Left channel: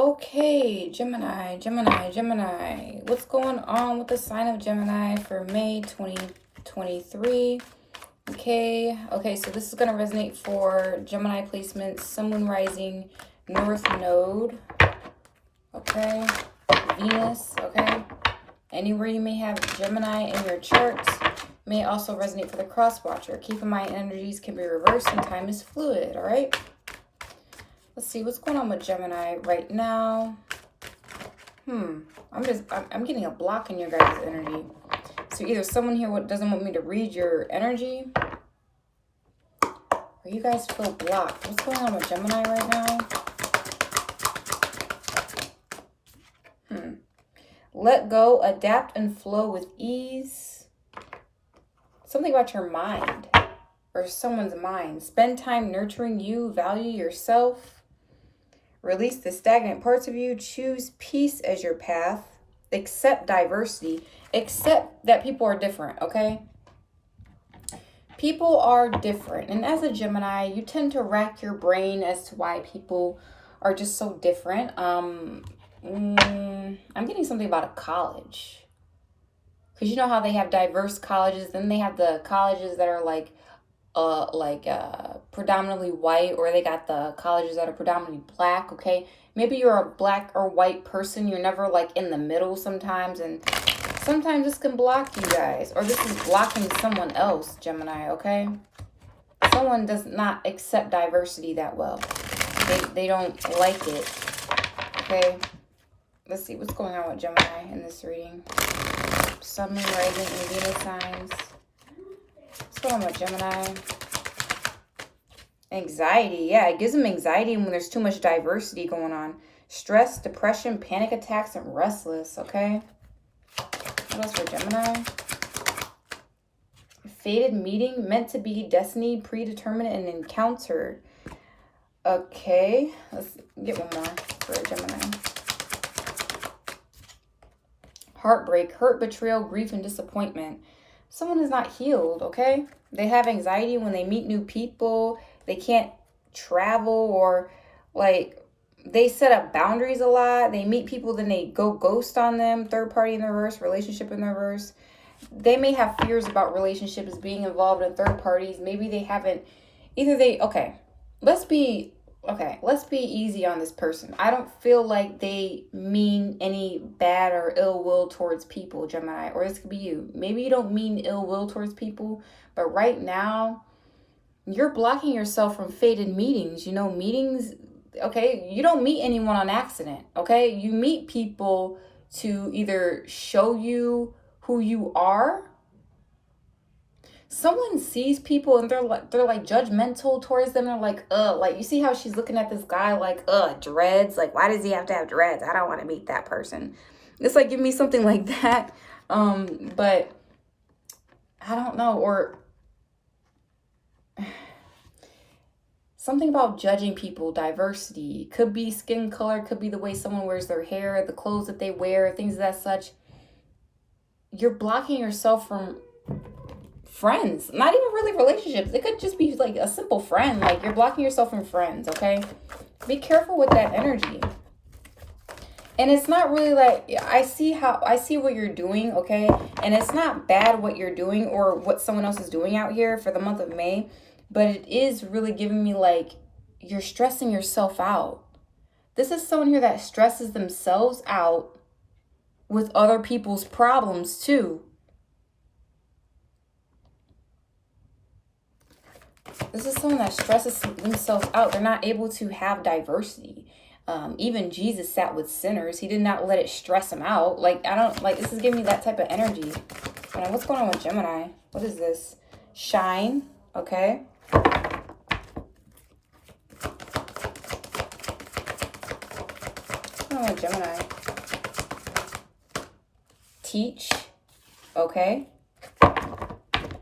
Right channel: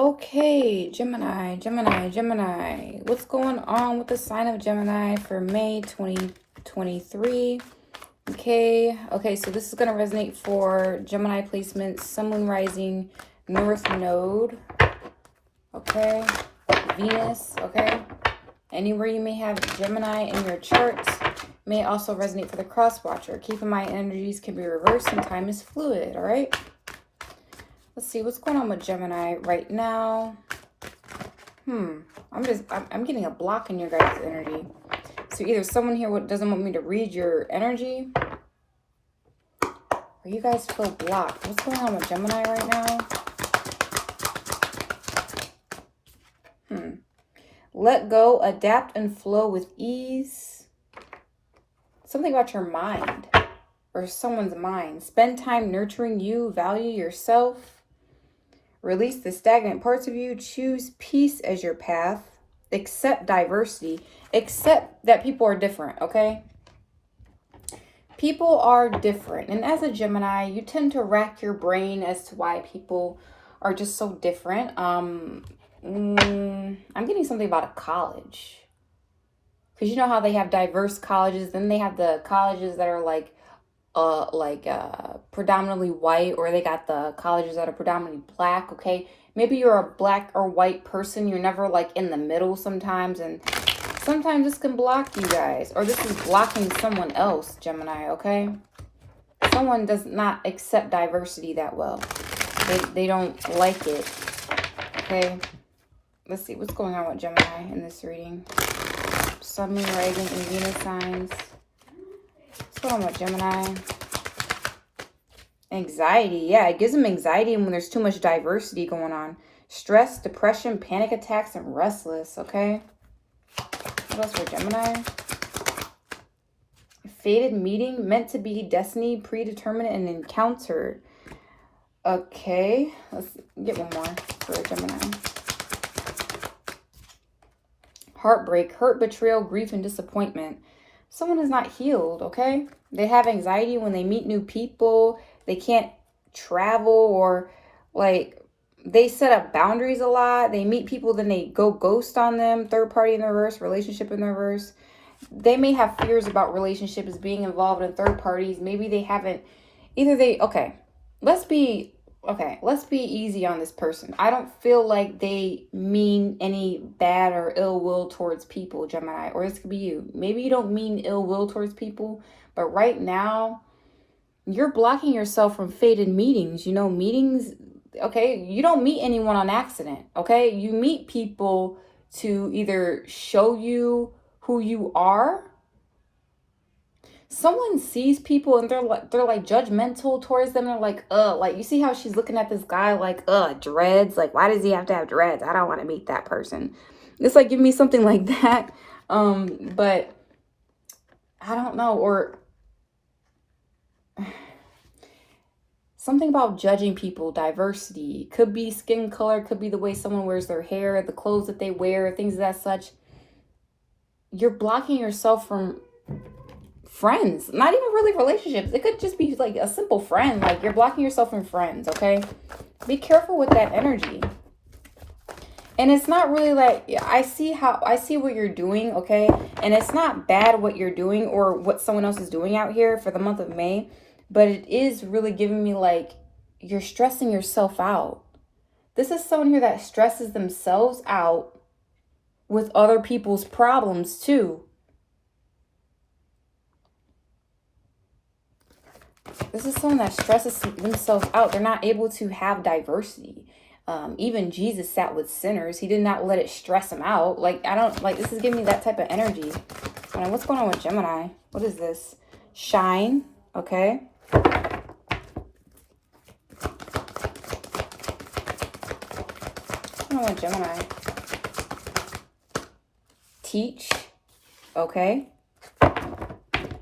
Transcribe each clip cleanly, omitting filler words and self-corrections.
Okay, Gemini, Gemini, Gemini. What's going on with the sign of Gemini for May 2023? Okay, so this is going to resonate for Gemini placements, Sun, Moon, Rising, North Node, okay, Venus, okay. Anywhere you may have Gemini in your charts may also resonate for the cross watcher. Keep in mind, energies can be reversed and time is fluid, all right? Let's see what's going on with Gemini right now. I'm getting a block in your guys' energy. So either someone here doesn't want me to read your energy, or you guys feel blocked. What's going on with Gemini right now? Let go, adapt, and flow with ease. Something about your mind or someone's mind. Spend time nurturing you, value yourself. Release the stagnant parts of you. Choose peace as your path. Accept diversity. Accept that people are different, okay? People are different. And as a Gemini, you tend to rack your brain as to why people are just so different. I'm getting something about a college. Because you know how they have diverse colleges. Then they have the colleges that are predominantly white, or they got the colleges that are predominantly black, okay? Maybe you're a black or white person. You're never like in the middle sometimes, and sometimes this can block you guys, or this is blocking someone else, Gemini, okay? Someone does not accept diversity that well. They don't like it, okay? Let's see what's going on with Gemini in this reading. Sun, Moon, Rising, and Venus signs. What's going on with Gemini? Anxiety. Yeah, it gives them anxiety when there's too much diversity going on. Stress, depression, panic attacks, and restless, okay? What else for Gemini? Fated meeting, meant to be, destiny, predetermined, and encountered. Okay, let's get one more for Gemini. Heartbreak, hurt, betrayal, grief, and disappointment. Someone is not healed, okay? They have anxiety when they meet new people. They can't travel, or like they set up boundaries a lot. They meet people, then they go ghost on them. Third party in the reverse, relationship in the reverse. They may have fears about relationships being involved in third parties. Maybe they haven't, let's be easy on this person. I don't feel like they mean any bad or ill will towards people, Gemini, or this could be you. Maybe you don't mean ill will towards people, but right now you're blocking yourself from fated meetings. You know, meetings, okay? You don't meet anyone on accident, okay? You meet people to either show you who you are. Someone sees people and they're like judgmental towards them. They're like you see how she's looking at this guy like, dreads. Like, why does he have to have dreads? I don't want to meet that person. It's like, give me something like that. But I don't know. Or something about judging people, diversity. Could be skin color, could be the way someone wears their hair, the clothes that they wear, things of that such. You're blocking yourself from friends, not even really relationships. It could just be like a simple friend. Like, you're blocking yourself from friends, okay? Be careful with that energy. And it's not really like, I see what you're doing, okay? And it's not bad what you're doing or what someone else is doing out here for the month of May, but it is really giving me like, you're stressing yourself out. This is someone here that stresses themselves out with other people's problems too. This is someone that stresses themselves out. They're not able to have diversity. Even Jesus sat with sinners. He did not let it stress him out. Like, this is giving me that type of energy. What's going on with Gemini? What is this? Shine, okay. What's going on with Gemini? Teach, okay.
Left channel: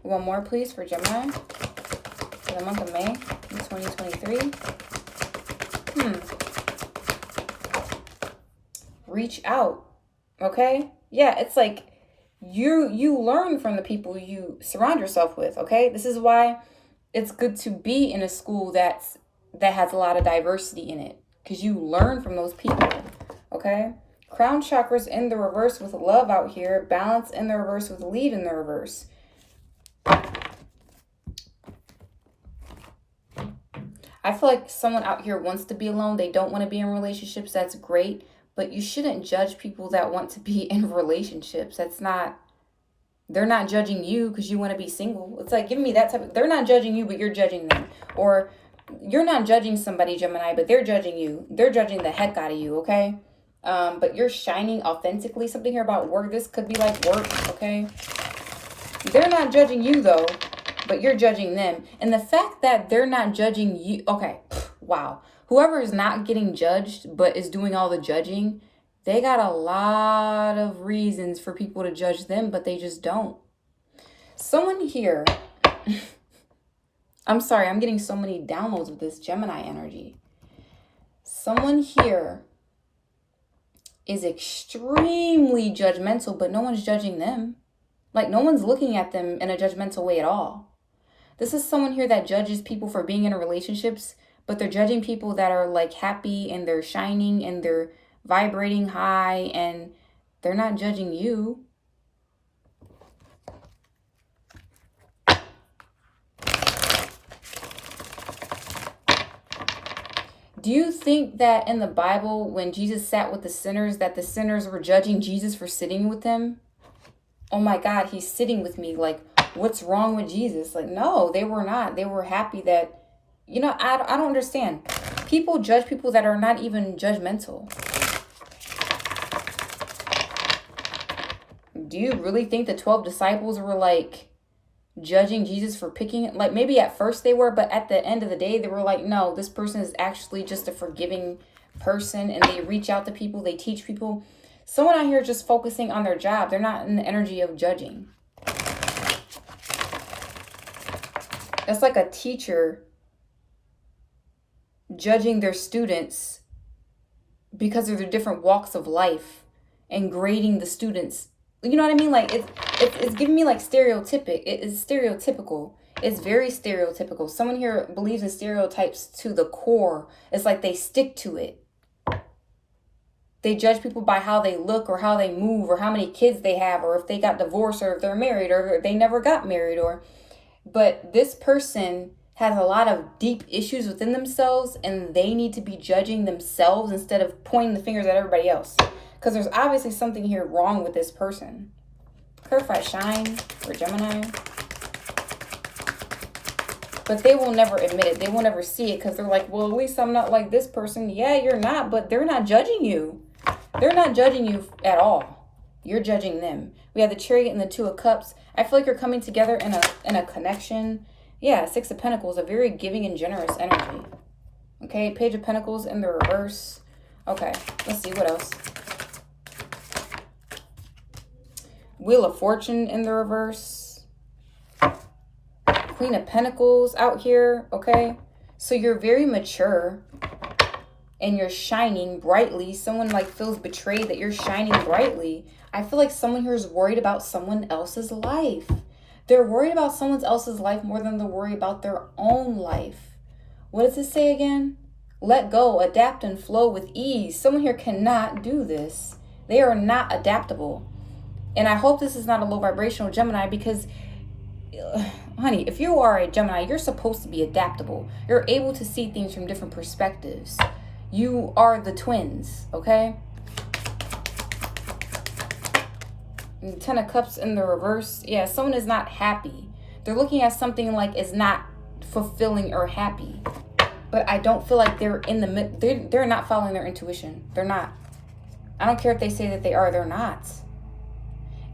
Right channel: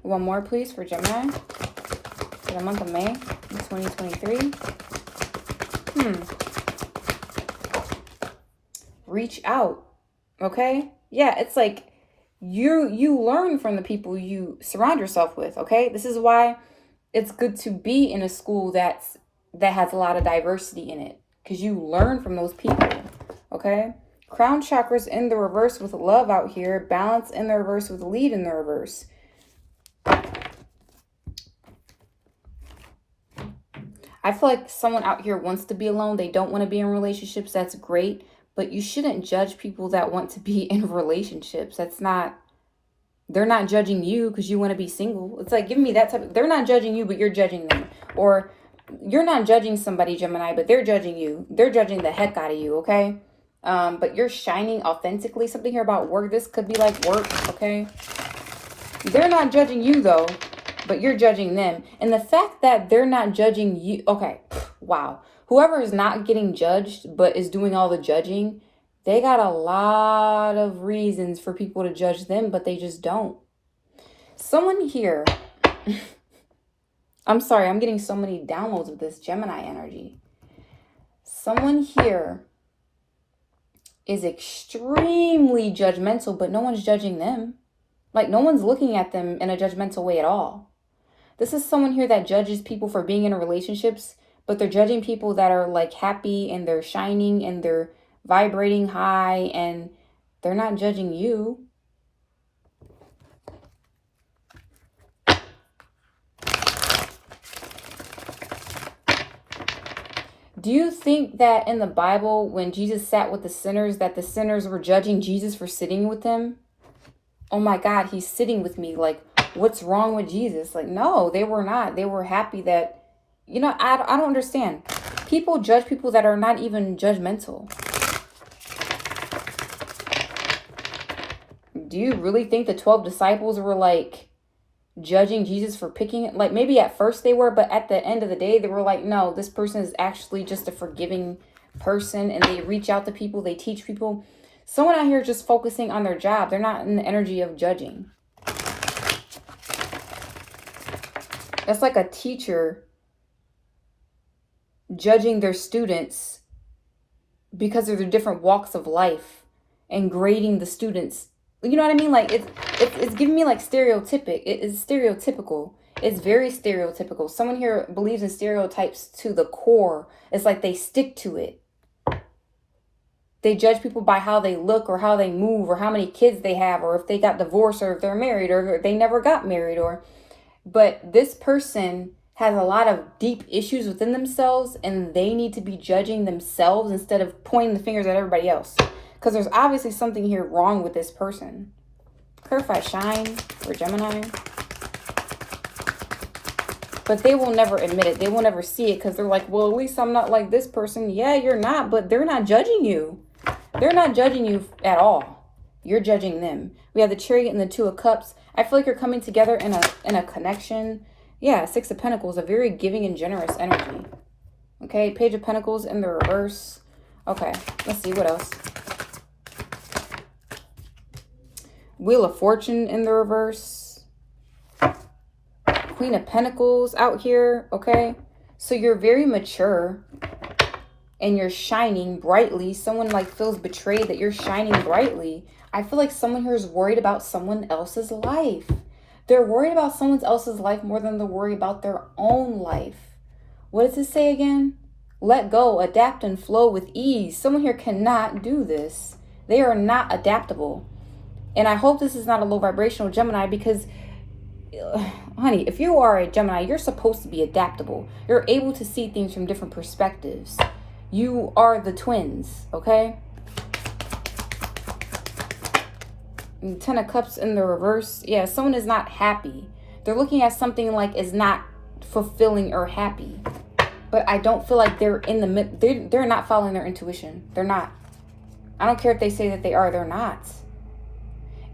One more, please, for Gemini. For the month of May 2023. Reach out, okay? Yeah, it's like you learn from the people you surround yourself with, okay? This is why it's good to be in a school that has a lot of diversity in it, because you learn from those people. Okay? Crown chakras in the reverse with love out here. Balance in the reverse with lead in the reverse. I feel like someone out here wants to be alone. They don't want to be in relationships. That's great. But you shouldn't judge people that want to be in relationships. That's not, they're not judging you because you want to be single. It's like, give me that type of, they're not judging you, but you're judging them. Or you're not judging somebody, Gemini, but they're judging you. They're judging the heck out of you, okay? But you're shining authentically. Something here about work. This could be like work, okay? They're not judging you, though, but you're judging them. And the fact that they're not judging you, okay, wow. Whoever is not getting judged but is doing all the judging, they got a lot of reasons for people to judge them, but they just don't. Someone here, I'm sorry, I'm getting so many downloads of this Gemini energy. Someone here is extremely judgmental, but no one's judging them. Like, no one's looking at them in a judgmental way at all. This is someone here that judges people for being in relationships, but they're judging people that are like happy and they're shining and they're vibrating high, and they're not judging you. Do you think that in the Bible, when Jesus sat with the sinners, that the sinners were judging Jesus for sitting with them? Oh my God, he's sitting with me. Like, what's wrong with Jesus? Like, no, they were not. They were happy that, you know, I don't understand. People judge people that are not even judgmental. Do you really think the 12 disciples were like judging Jesus for picking it? Like, maybe at first they were, but at the end of the day, they were like, no, this person is actually just a forgiving person, and they reach out to people, they teach people. Someone out here just focusing on their job. They're not in the energy of judging. That's like a teacher judging their students because of their different walks of life and grading the students. You know what I mean? Like, it's giving me like stereotypic. It is stereotypical. It's very stereotypical. Someone here believes in stereotypes to the core. It's like they stick to it. They judge people by how they look or how they move or how many kids they have or if they got divorced or if they're married or if they never got married. But this person has a lot of deep issues within themselves, and they need to be judging themselves instead of pointing the fingers at everybody else. Because there's obviously something here wrong with this person. Clarify shine for Gemini. But they will never admit it. They will never see it because they're like, well, at least I'm not like this person. Yeah, you're not, but they're not judging you. They're not judging you at all. You're judging them. We have the Chariot and the Two of Cups. I feel like you're coming together in a connection. Yeah, Six of Pentacles, a very giving and generous energy. Okay, Page of Pentacles in the reverse. Okay, let's see what else. Wheel of Fortune in the reverse. Queen of Pentacles out here, okay? So you're very mature and you're shining brightly. Someone like feels betrayed that you're shining brightly. I feel like someone here is worried about someone else's life. They're worried about someone else's life more than they're worried about their own life. What does it say again? Let go, adapt, and flow with ease. Someone here cannot do this. They are not adaptable. And I hope this is not a low vibrational Gemini, because honey, if you are a Gemini, you're supposed to be adaptable. You're able to see things from different perspectives. You are the twins, okay? And Ten of Cups in the reverse. Yeah, someone is not happy. They're looking at something like is not fulfilling or happy. But I don't feel like they're in the middle. They're not following their intuition. They're not. I don't care if they say that they are. They're not.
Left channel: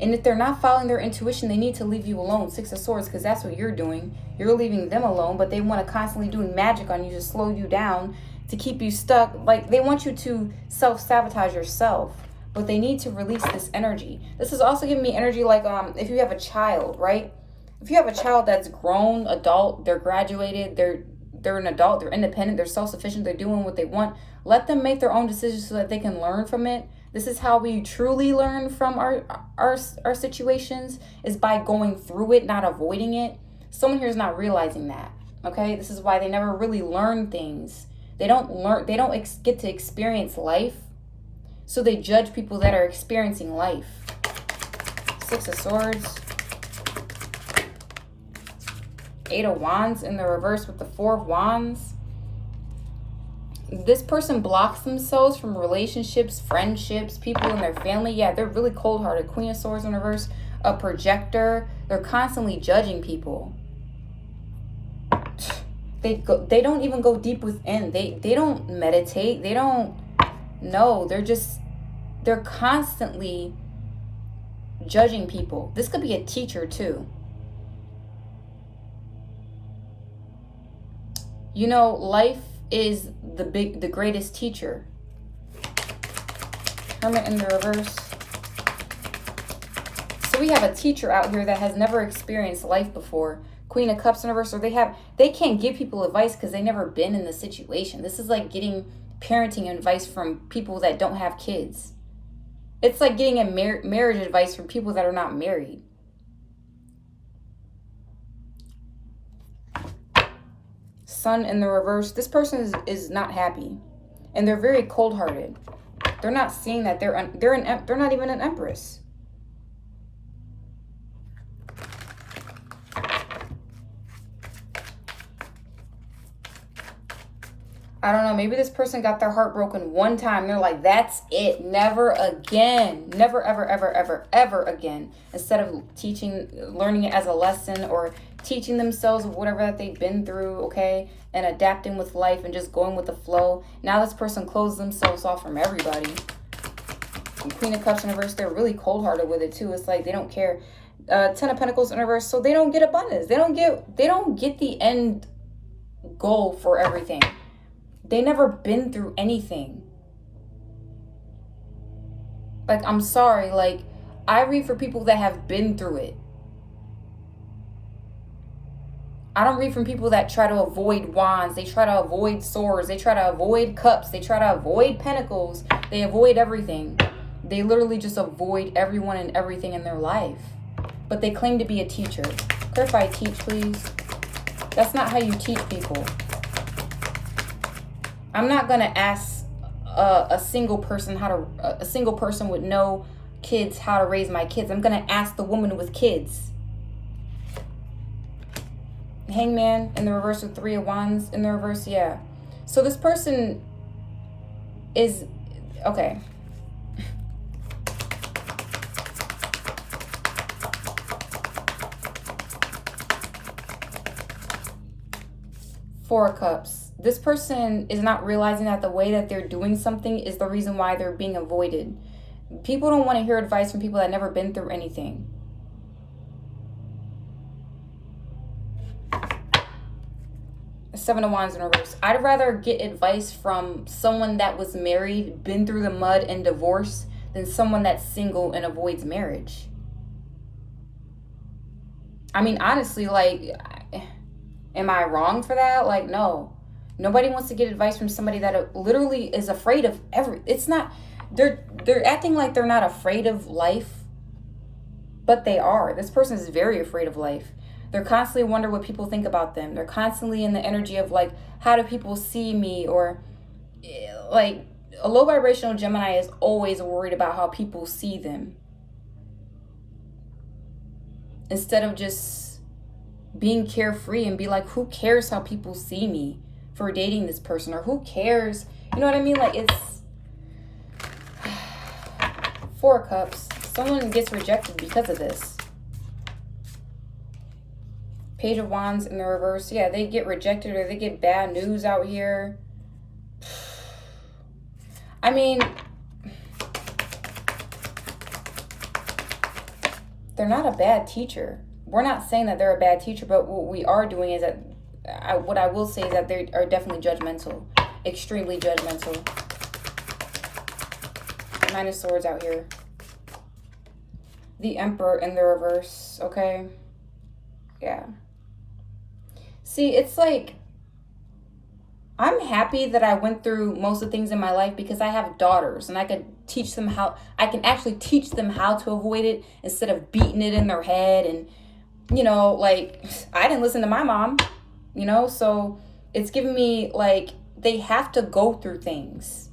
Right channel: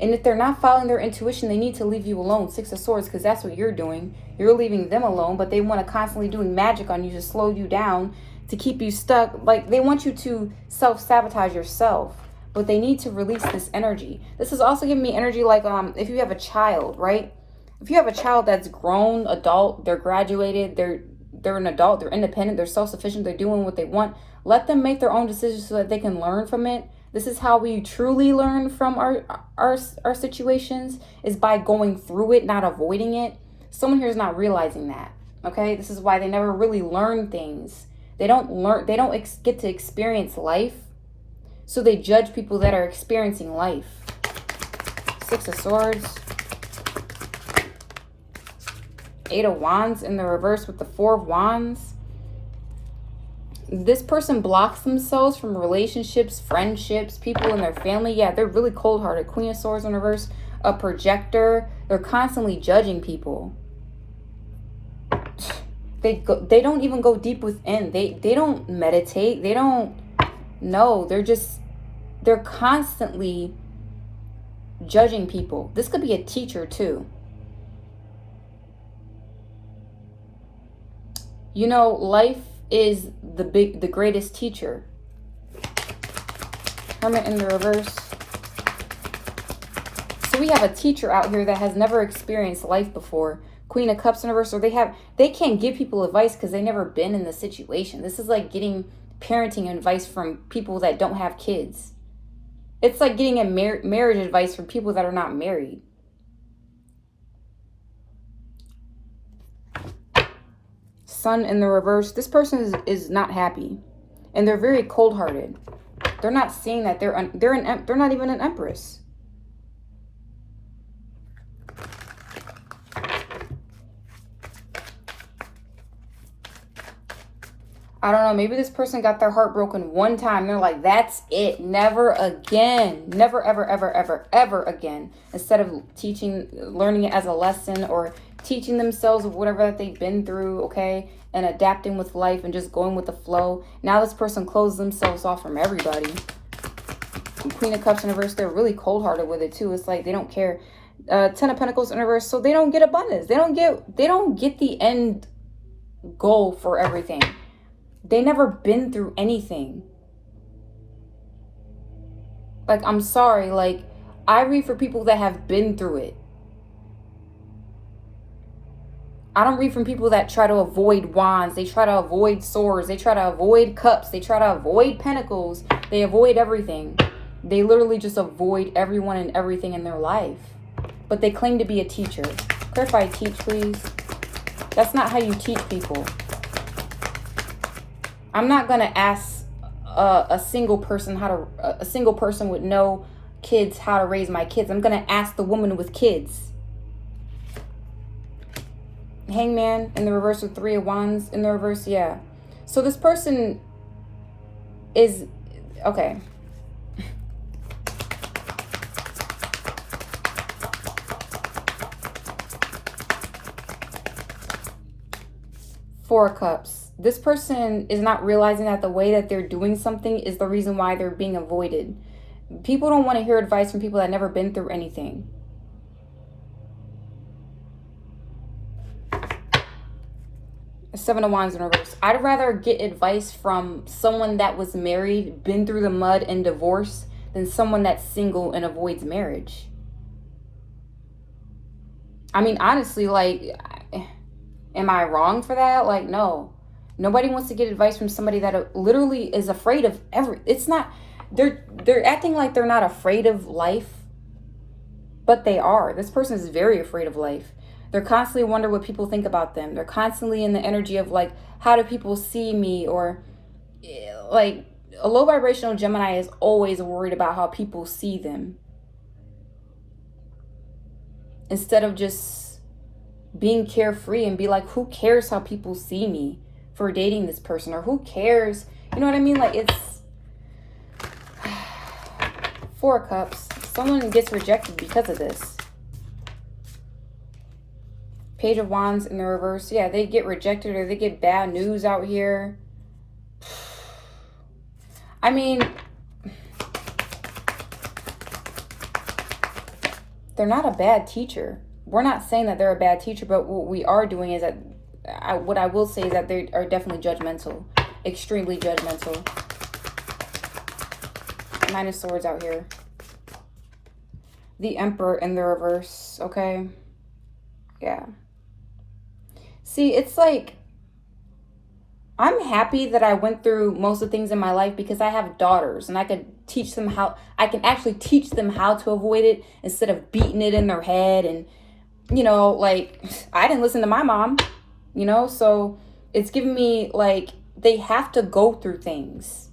And if they're not following their intuition, they need to leave you alone. Six of Swords, because that's what you're doing. You're leaving them alone, but they want to constantly doing magic on you to slow you down, to keep you stuck. Like, they want you to self-sabotage yourself, but they need to release this energy. This is also giving me energy like if you have a child, right? If you have a child that's grown, adult, they're graduated, they're an adult, they're independent, they're self-sufficient, they're doing what they want. Let them make their own decisions so that they can learn from it. This is how we truly learn from our situations, is by going through it, not avoiding it. Someone here is not realizing that, okay? This is why they never really learn things. They don't get to experience life. So they judge people that are experiencing life. Six of Swords. Eight of Wands in the reverse with the Four of Wands. This person blocks themselves from relationships, friendships, people in their family. Yeah, they're really cold-hearted. Queen of Swords in reverse. A projector. They're constantly judging people. They don't even go deep within. They don't meditate. They don't know. They're constantly judging people. This could be a teacher too. You know, life is the greatest teacher. Hermit in the reverse. So we have a teacher out here that has never experienced life before. Queen of Cups in reverse. So they can't give people advice because they've never been in the situation. This is like getting parenting advice from people that don't have kids. It's like getting a marriage advice from people that are not married. Sun in the reverse. This person is not happy, and they're very cold-hearted. They're not seeing that they're not even an empress. I don't know, maybe this person got their heart broken one time. They're like, that's it. Never again. Never, ever, ever, ever, ever again. Instead of learning it as a lesson or teaching themselves whatever that they've been through, okay, and adapting with life and just going with the flow. Now this person closed themselves off from everybody. And Queen of Cups in reverse, they're really cold-hearted with it too. It's like they don't care. Ten of Pentacles in reverse, so they don't get abundance. They don't get the end goal for everything. They never been through anything. Like, I'm sorry. Like, I read for people that have been through it. I don't read from people that try to avoid wands. They try to avoid swords. They try to avoid cups. They try to avoid pentacles. They avoid everything. They literally just avoid everyone and everything in their life. But they claim to be a teacher. Clarify teach, please. That's not how you teach people. I'm not going to ask a single person with no kids how to raise my kids. I'm going to ask the woman with kids. Hangman in the reverse with Three of Wands in the reverse. Yeah. So this person is, okay. Four of Cups. This person is not realizing that the way that they're doing something is the reason why they're being avoided. People don't want to hear advice from people that never been through anything. Seven of Wands in reverse. I'd rather get advice from someone that was married, been through the mud and divorced, than someone that's single and avoids marriage. I mean, honestly, like, am I wrong for that? Like, no. Nobody wants to get advice from somebody that literally is afraid of it's not, they're acting like they're not afraid of life, but they are. This person is very afraid of life. They're constantly wondering what people think about them. They're constantly in the energy of like, how do people see me? Or like a low vibrational Gemini is always worried about how people see them. Instead of just being carefree and be like, who cares how people see me for dating this person? Or who cares? You know what I mean? Like, it's Four of Cups. Someone gets rejected because of this. Page of Wands in the reverse. Yeah, they get rejected or they get bad news out here. I mean, they're not a bad teacher. We're not saying that they're a bad teacher, but what we are doing is that what I will say is that they are definitely judgmental. Extremely judgmental. Nine of Swords out here. The Emperor in the reverse, okay? Yeah. See, it's like, I'm happy that I went through most of the things in my life because I have daughters and I can actually teach them how to avoid it instead of beating it in their head. And, you know, like, I didn't listen to my mom, you know, so it's giving me, like, they have to go through things.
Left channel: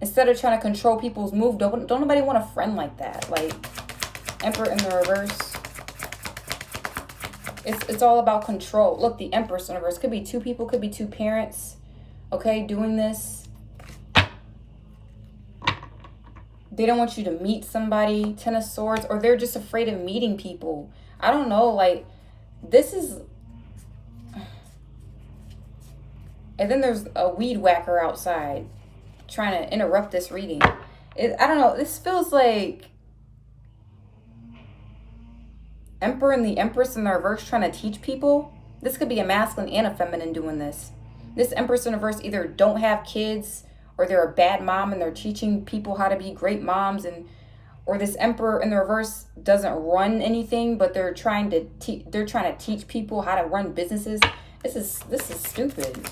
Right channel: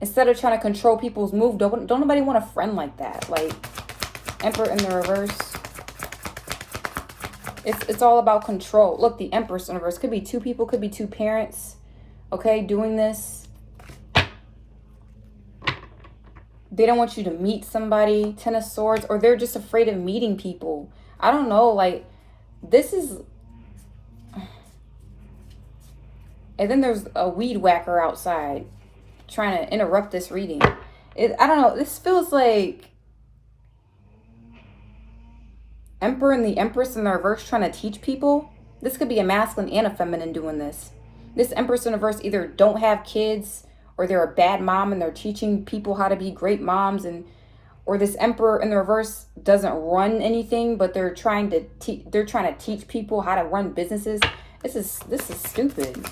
Instead of trying to control people's move, don't nobody want a friend like that. Like, Emperor in the reverse. It's all about control. Look, the Empress in reverse. Could be two people, could be two parents, okay, doing this. They don't want you to meet somebody, Ten of Swords, or they're just afraid of meeting people. I don't know, like, this is... And then there's a weed whacker outside trying to interrupt this reading. I don't know, this feels like Emperor and the Empress in the reverse trying to teach people. This could be a masculine and a feminine doing this. This Empress in the reverse either don't have kids, or they're a bad mom and they're teaching people how to be great moms, and or this Emperor in the reverse doesn't run anything, but they're trying to teach people how to run businesses. This is stupid.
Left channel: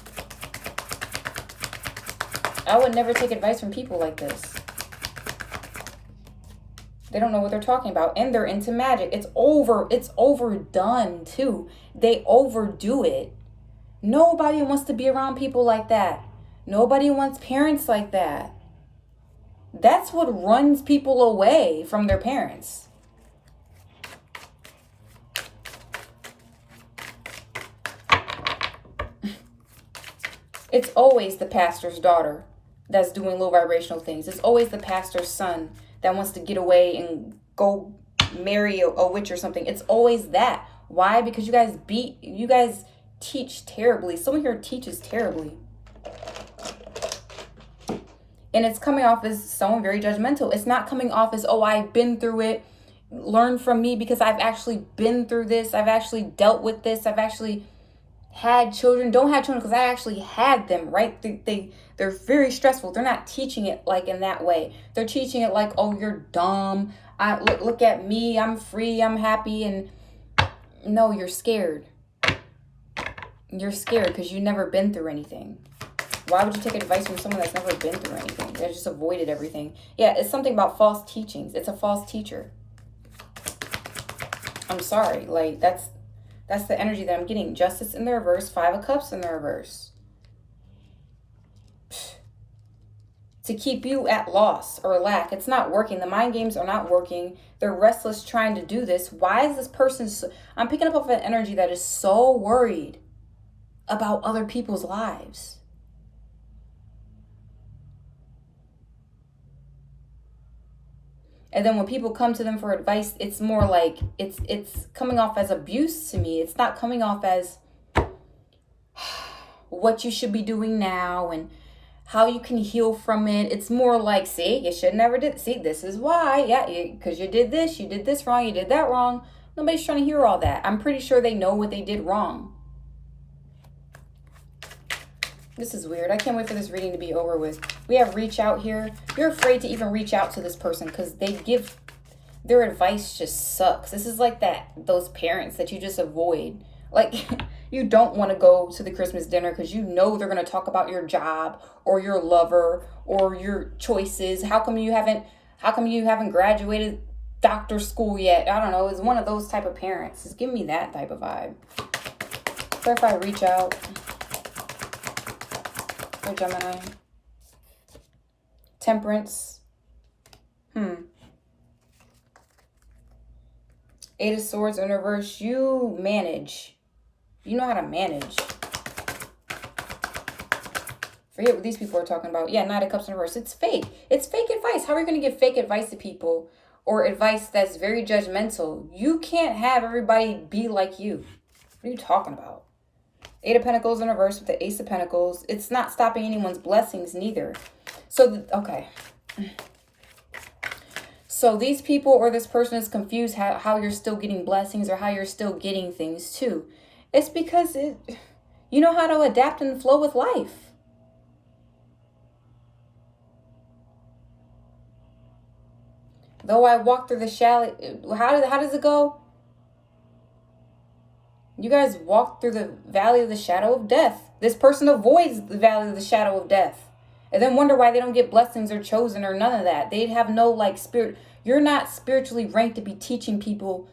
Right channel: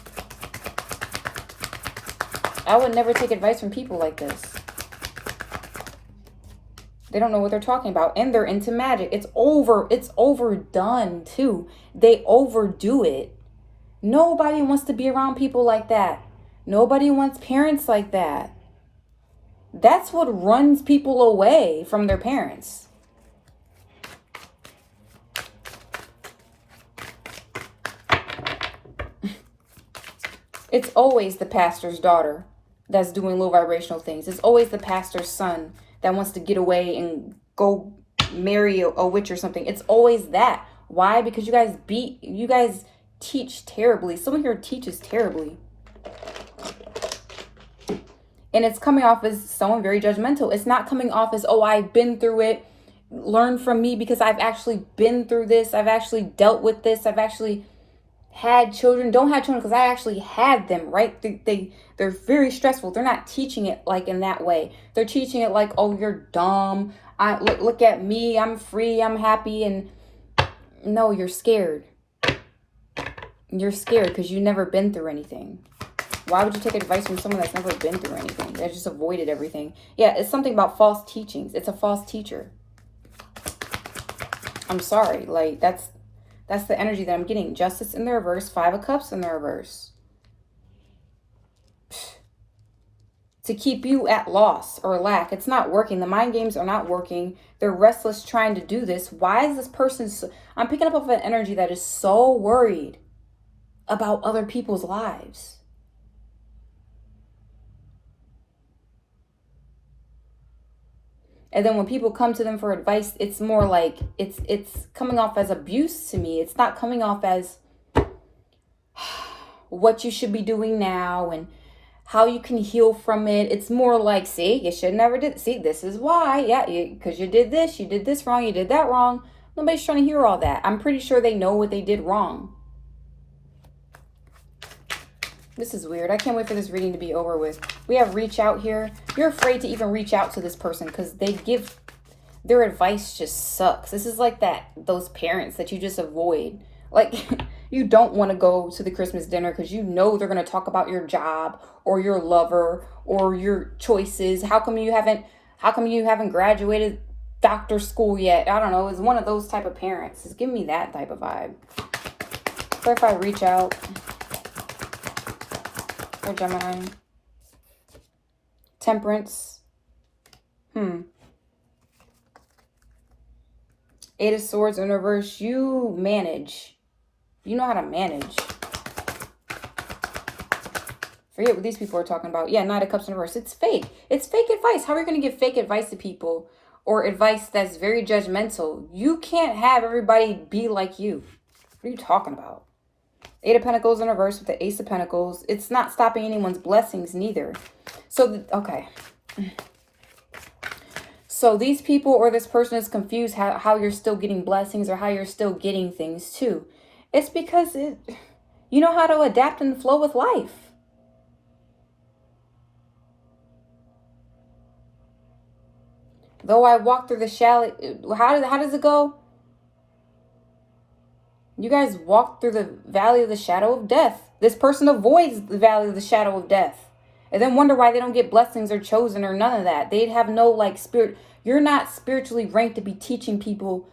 I would never take advice from people like this. They don't know what they're talking about, and they're into magic. It's overdone too. They overdo it. Nobody wants to be around people like that. Nobody wants parents like that. That's what runs people away from their parents. It's always the pastor's daughter that's doing low vibrational things. It's always the pastor's son that wants to get away and go marry a witch or something. It's always that. Why? Because you guys teach terribly. Someone here teaches terribly. And it's coming off as someone very judgmental. It's not coming off as, oh, I've been through it. Learn from me because I've actually been through this. I've actually dealt with this. I've actually had children. Don't have children because I actually had them, right? They're very stressful. They're not teaching it like in that way. They're teaching it like, oh, you're dumb. Look at me. I'm free. I'm happy. And no, you're scared. You're scared because you've never been through anything. Why would you take advice from someone that's never been through anything? That just avoided everything. Yeah, it's something about false teachings. It's a false teacher. I'm sorry. Like, that's the energy that I'm getting. Justice in the reverse. Five of Cups in the reverse. To keep you at loss or lack. It's not working. The mind games are not working. They're restless trying to do this. Why is this person I'm picking up an energy that is so worried about other people's lives. And then when people come to them for advice, it's more like it's coming off as abuse to me. It's not coming off as what you should be doing now and how you can heal from it. It's more like, see, you should never did. See, this is why. Yeah, because you did this wrong, you did that wrong. Nobody's trying to hear all that. I'm pretty sure they know what they did wrong. This is weird. I can't wait for this reading to be over with. We have reach out here. You're afraid to even reach out to this person because their advice just sucks. This is like those parents that you just avoid. Like, you don't want to go to the Christmas dinner because you know they're going to talk about your job or your lover or your choices. How come you haven't graduated doctor school yet? I don't know. It's one of those type of parents. It's giving me that type of vibe. So if I reach out for Gemini. Temperance. Eight of Swords in reverse. You manage. You know how to manage. Forget what these people are talking about. Yeah, Knight of Cups in reverse. It's fake. It's fake advice. How are you going to give fake advice to people? Or advice that's very judgmental? You can't have everybody be like you. What are you talking about? Eight of Pentacles in reverse with the Ace of Pentacles. It's not stopping anyone's blessings neither. So, okay. So these people or this person is confused how you're still getting blessings or how you're still getting things too. It's because you know how to adapt and flow with life. Though I walk through the shadow, how does it go? You guys walk through the valley of the shadow of death. This person avoids the valley of the shadow of death. And then wonder why they don't get blessings or chosen or none of that. They'd have no like spirit. You're not spiritually ranked to be teaching people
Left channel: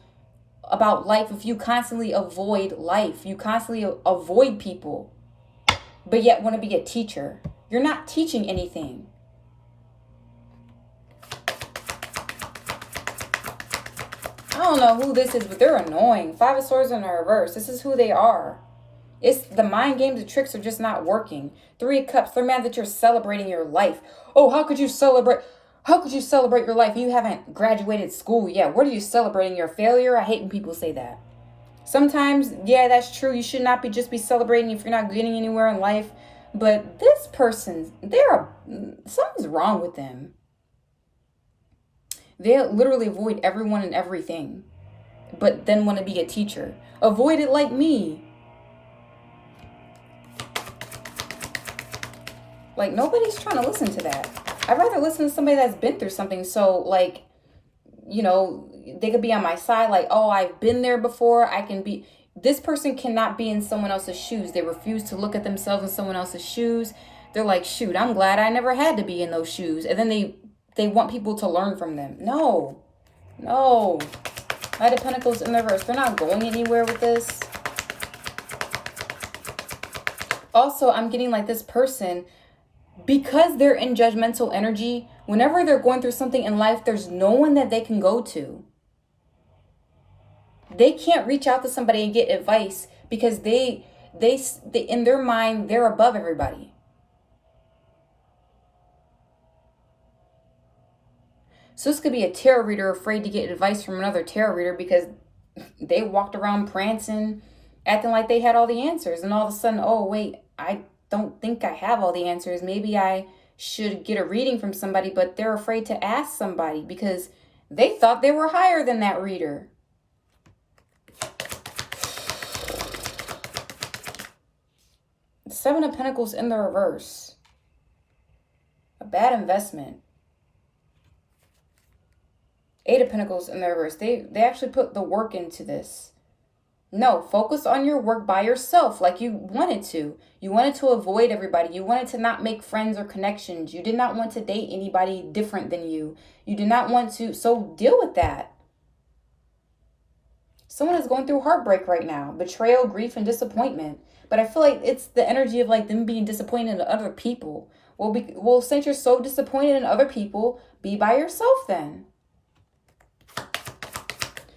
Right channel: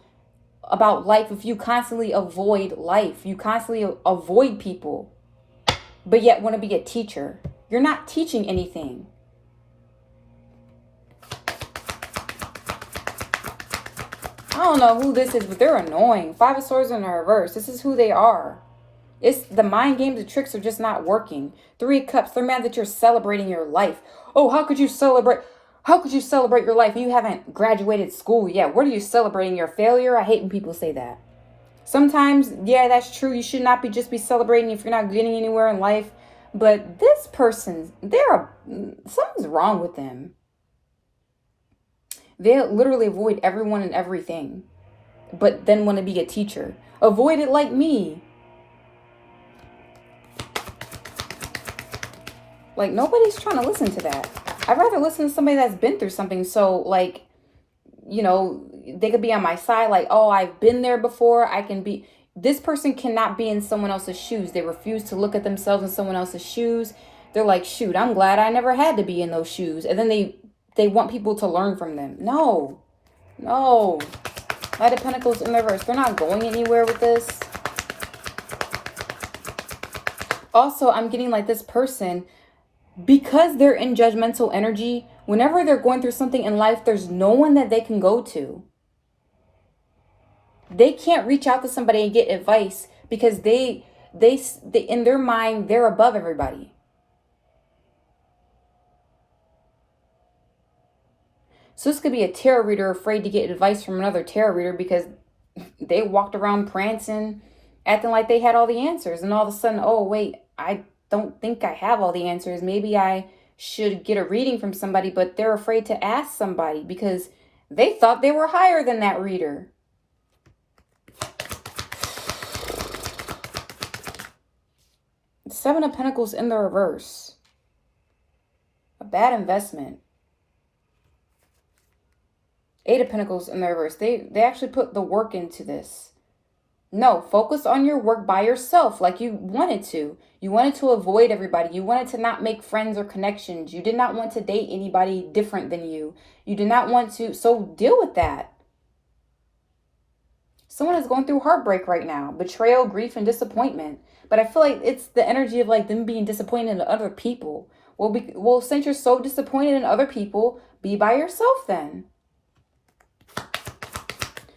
about life if you constantly avoid life. You constantly avoid people. But yet want to be a teacher. You're not teaching anything. don't know who this is, but they're annoying. Five of Swords in the reverse. This is who they are. It's the mind games and tricks are just not working. Three of Cups. They're mad that you're celebrating your life. Oh, how could you celebrate? How could you celebrate your life? You haven't graduated school yet. What are you celebrating? Your failure? I hate when people say that. Sometimes, yeah, that's true. You should not just be celebrating if you're not getting anywhere in life. But this person, something's wrong with them. They literally avoid everyone and everything, but then want to be a teacher. Avoid it like me. Like, nobody's trying to listen to that. I'd rather listen to somebody that's been through something. So, like, you know, they could be on my side. Like, oh, I've been there before. I can be. This person cannot be in someone else's shoes. They refuse to look at themselves in someone else's shoes. They're like, shoot, I'm glad I never had to be in those shoes. And then they want people to learn from them. No. Knight of Pentacles in reverse. They're not going anywhere with this. Also, I'm getting like this person, because they're in judgmental energy, whenever they're going through something in life, there's no one that they can go to. They can't reach out to somebody and get advice because they in their mind, they're above everybody. So this could be a tarot reader afraid to get advice from another tarot reader because they walked around prancing, acting like they had all the answers. And all of a sudden, oh, wait, I don't think I have all the answers. Maybe I should get a reading from somebody, but they're afraid to ask somebody because they thought they were higher than that reader. Seven of Pentacles in the reverse. A bad investment. Eight of Pentacles in the reverse. They actually put the work into this. No, focus on your work by yourself like you wanted to. You wanted to avoid everybody. You wanted to not make friends or connections. You did not want to date anybody different than you. You did not want to. So deal with that. Someone is going through heartbreak right now. Betrayal, grief, and disappointment. But I feel like it's the energy of like them being disappointed in other people. Well, since you're so disappointed in other people, be by yourself then.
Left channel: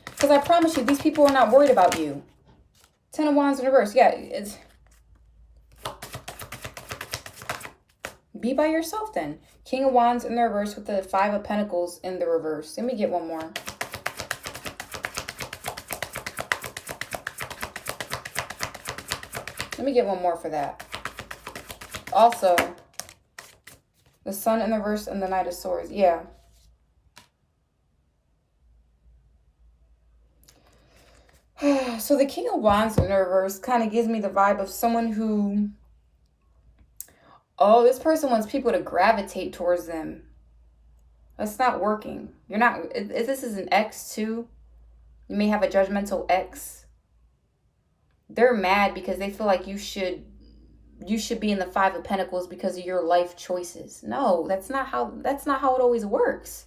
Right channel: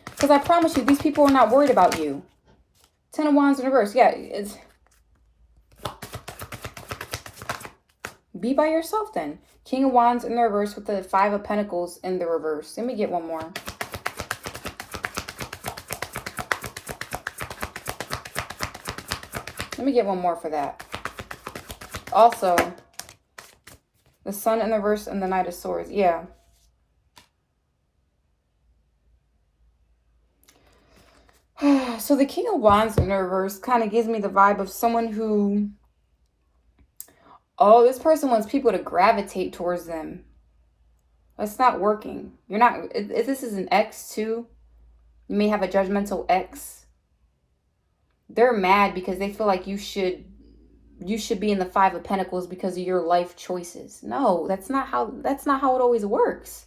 Because I promise you, these people are not worried about you. Ten of Wands in reverse. Yeah, it's... Be by yourself then. King of Wands in the reverse with the Five of Pentacles in the reverse. Let me get one more. Let me get one more for that. Also, the Sun in the reverse and the Knight of Swords. Yeah. So the King of Wands in the reverse kind of gives me the vibe of someone who, oh, this person wants people to gravitate towards them. That's not working. You're not, if this is an ex too, you may have a judgmental ex. They're mad because they feel like you should be in the Five of Pentacles because of your life choices. No, that's not how it always works.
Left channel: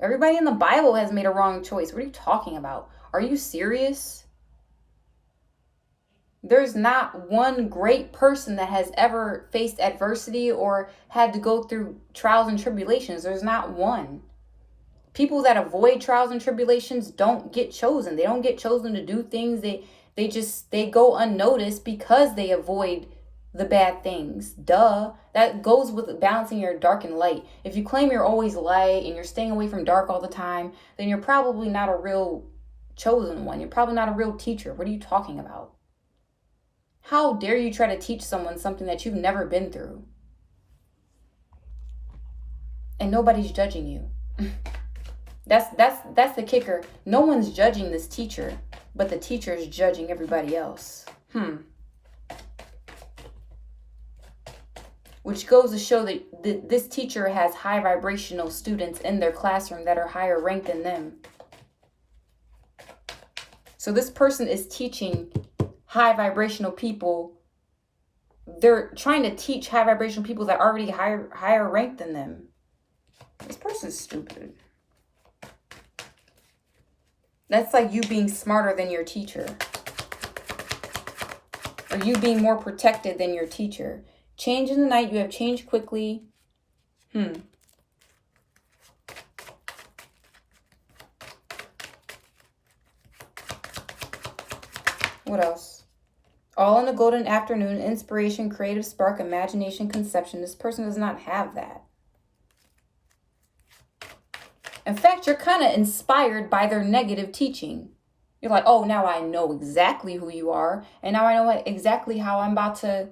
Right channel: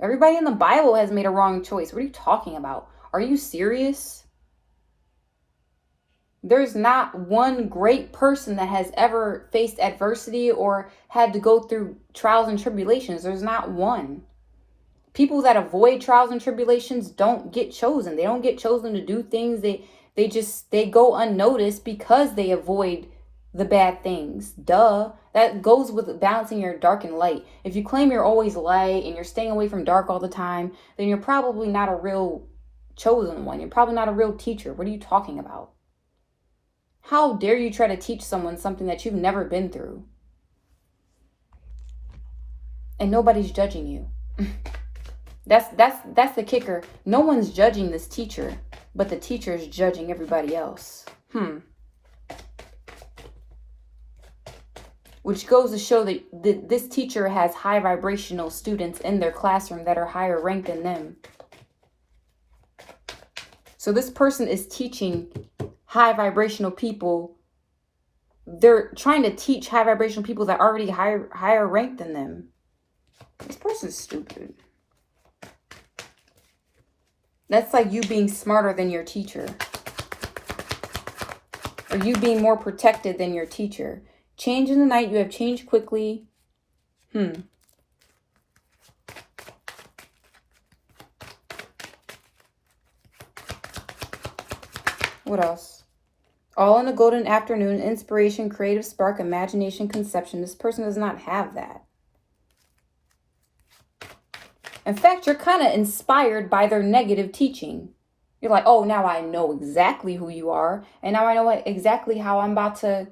Everybody in the Bible has made a wrong choice. What are you talking about? Are you serious? There's not one great person that has ever faced adversity or had to go through trials and tribulations. There's not one. People that avoid trials and tribulations don't get chosen. They don't get chosen to do things. They go unnoticed because they avoid the bad things. Duh. That goes with balancing your dark and light. If you claim you're always light and you're staying away from dark all the time, then you're probably not a real chosen one. You're probably not a real teacher. What are you talking about? How dare you try to teach someone something that you've never been through? And nobody's judging you. That's the kicker. No one's judging this teacher, but the teacher is judging everybody else. Which goes to show that this teacher has high vibrational students in their classroom that are higher ranked than them. So this person is teaching high vibrational people. They're trying to teach high vibrational people that are already higher ranked than them. This person's stupid. That's like you being smarter than your teacher. Or you being more protected than your teacher. Change in the night. You have changed quickly. What else? All in a golden afternoon, inspiration, creative spark, imagination, conception. This person does not have that. In fact, you're kind of inspired by their negative teaching. You're like, oh, now I know exactly who you are. And now I know exactly how I'm about to.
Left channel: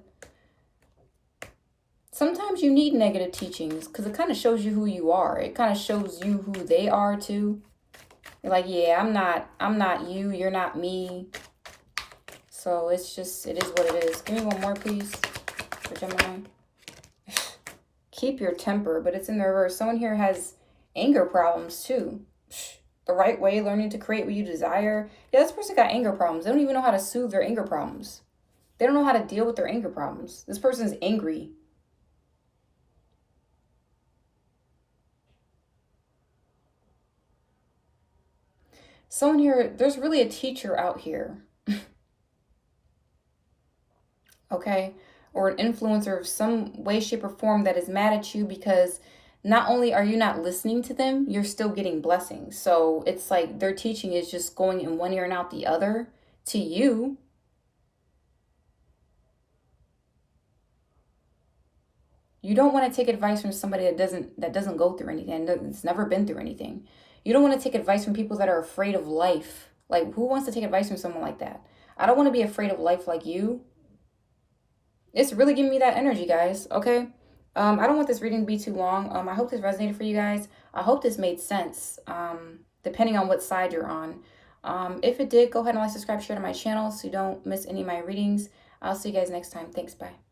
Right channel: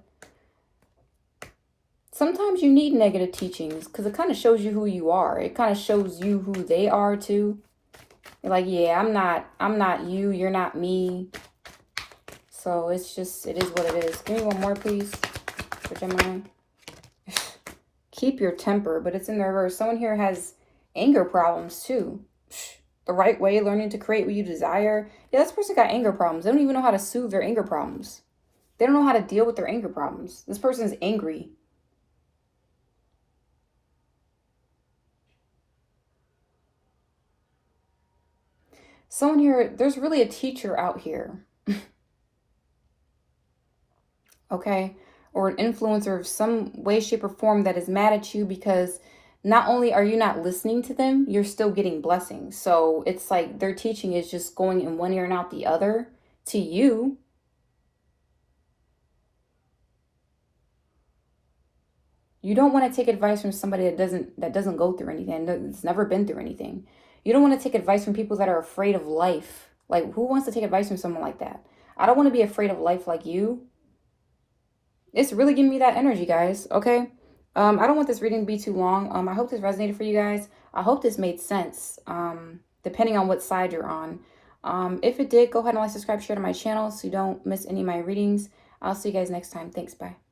Sometimes you need negative teachings because it kind of shows you who you are. It kind of shows you who they are too. You're like, yeah, I'm not you. You're not me. So it's just, it is what it is. Give me one more, please, for Gemini. Keep your temper, but it's in the reverse. Someone here has anger problems too. The right way, learning to create what you desire. Yeah, this person got anger problems. They don't even know how to soothe their anger problems. They don't know how to deal with their anger problems. This person's angry. Someone here, there's really a teacher out here. Okay? Or an influencer of some way, shape, or form that is mad at you because not only are you not listening to them, you're still getting blessings. So it's like their teaching is just going in one ear and out the other to you. You don't want to take advice from somebody that doesn't go through anything, that's never been through anything. You don't want to take advice from people that are afraid of life. Like, who wants to take advice from someone like that? I don't want to be afraid of life like you. It's really giving me that energy, guys. Okay. I don't want this reading to be too long. I hope this resonated for you guys. I hope this made sense. Depending on what side you're on. If it did, go ahead and like, subscribe, share to my channel so you don't miss any of my readings. I'll see you guys next time. Thanks. Bye.